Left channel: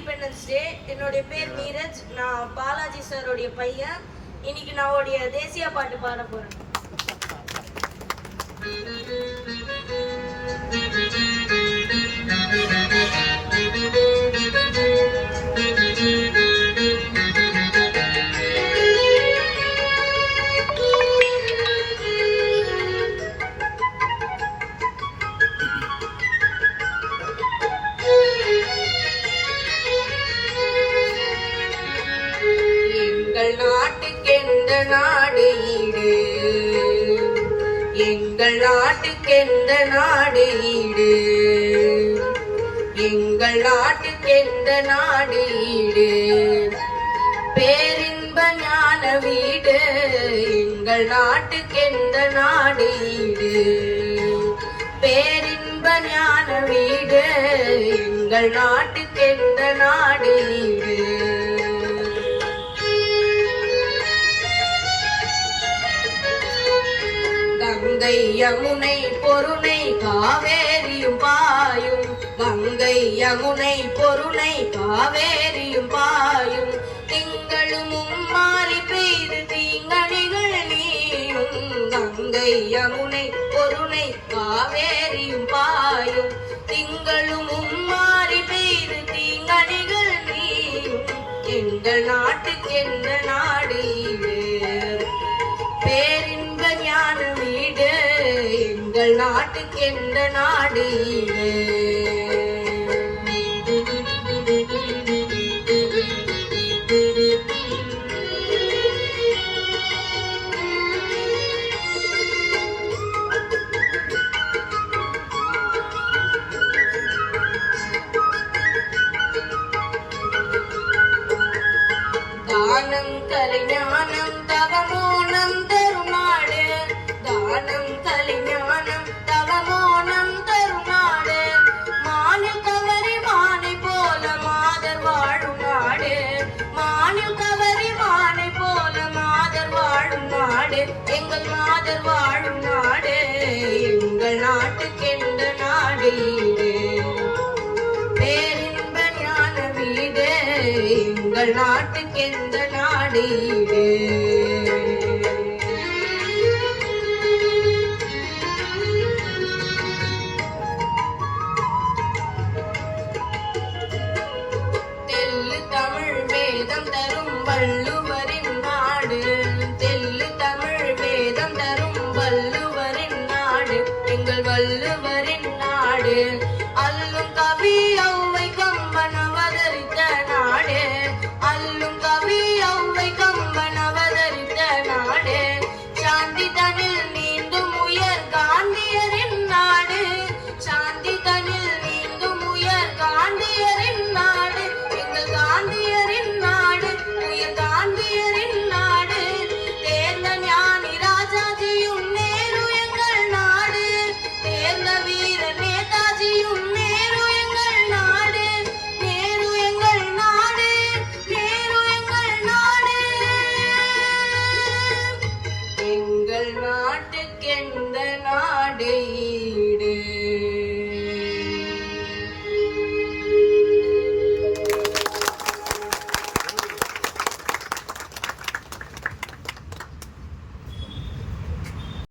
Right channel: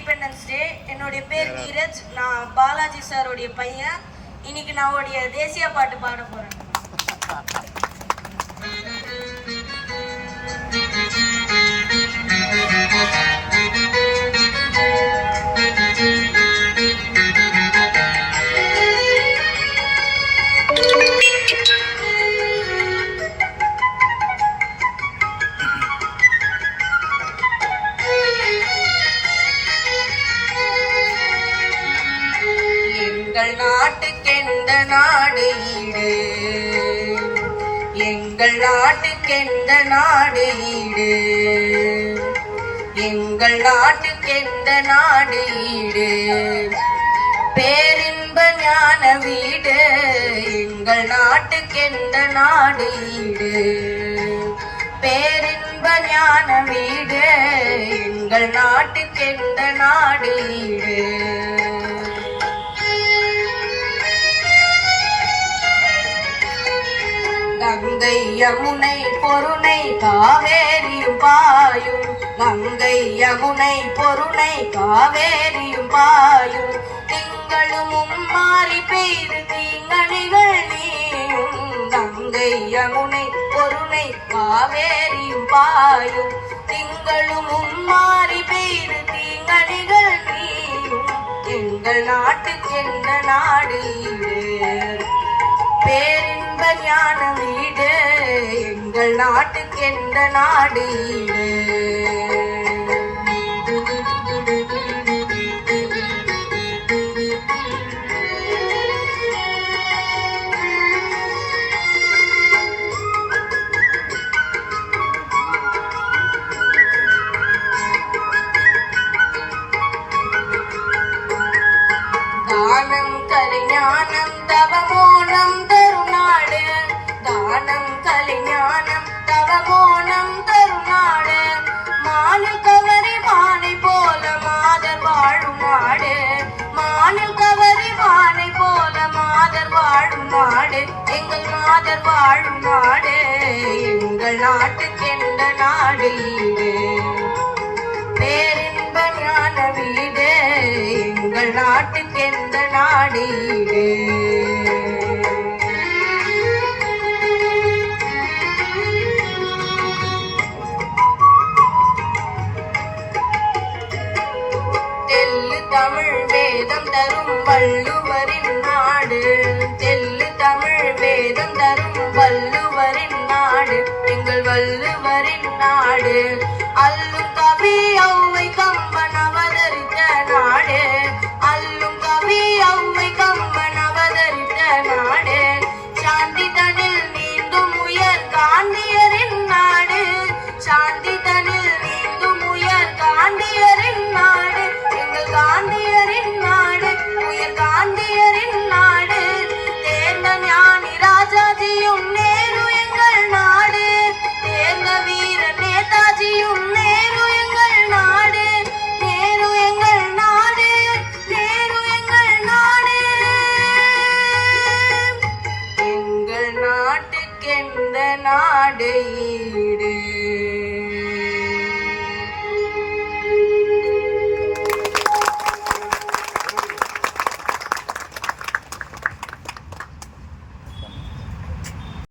Independence day. என்னுடைய பேர் நீரஜ். நான் பாலாஜி சாரோடைய பையன். இன்னைக்கு நான் உடைய தேசிய பாட்டு பாட போறேன். எங்கள் நாட்டுக்கெந்த நாடு ஈடு, எங்கள் நாட்டுக்கெந்த நாடு ஈடு, எங்கள் நாட்டுக்கெந்த நாடு ஈடு, பேரின்ப ஞான வீடு, எங்கள் நாட்டுக்கெந்த நாடு ஈடு, பேரின்ப ஞான வீடு, எங்கள் நாட்டுக்கெந்த நாடு ஈடு. கங்கை யமுனை பொருணை காவேரியும் பாயும், கங்கை யமுனை பொருணை காவேரியும் பாயும், திங்களும் மாறி பெய்து தீங்கணிகள் நீயும், கங்கை யமுனை பொருணை காவேரியும் பாயும், திங்களும் மாறி பெய்து தீங்கணிகள் நீயும், எங்கள் நாட்டுக்கென்ன நாடு ஈடு, பேரின்ப ஞான வீடு, எங்கள் நாட்டுக்கெந்த நாடு ஈடு. தானம் கலைஞானம் தவமோனம் தருநாடு, தானம் கலைஞானம் தவமோனம் தருநாடு, மானில் கவரி மானை போல மாதர் வாழும் நாடு, மானில் கவரி மானை போல மாதர் வாழும் நாடு, எங்கள் மாதர் வாழும் நாடு, எங்கள் நாட்டுக்கெந்த நாடு ஈடு, பேரின்ப ஞான வீடு, எங்கள் நாட்டுக்கெந்த நாடு ஈடு. தெல்லு தமிழ் வேதம் தரும் வள்ளுவரின் நாடு, தெல்லு தமிழ் வேதம் தரும் வள்ளுவரின் நாடு, எங்கள் வள்ளுவரின் நாடு, அல்லும் கவி ஔவை கம்பன் அவதரித்த நாடு, அல்லும் கவி ஔவை கம்பன் அவதரித்த நாடு, சாந்தி தனில் நீந்தும் உயர் காந்தியரின் நாடு, சாந்தி தனில் நீந்தும் உயர் காந்தியரின் நாடு, எங்கள் காந்தியரின் நாடு, உயர் காந்தியரின் நாடு, தேர்ந்த ஞானி ராஜாஜியும் நேரு எங்கள் நாடு, தேர்ந்த வீர நேதாஜியும் நேரு எங்கள் நாடு, நேரு எங்கள் நாடு, நேரு எங்கள் நாடு, எங்கள் நாட்டுக்கெந்த நாடு ஈடு.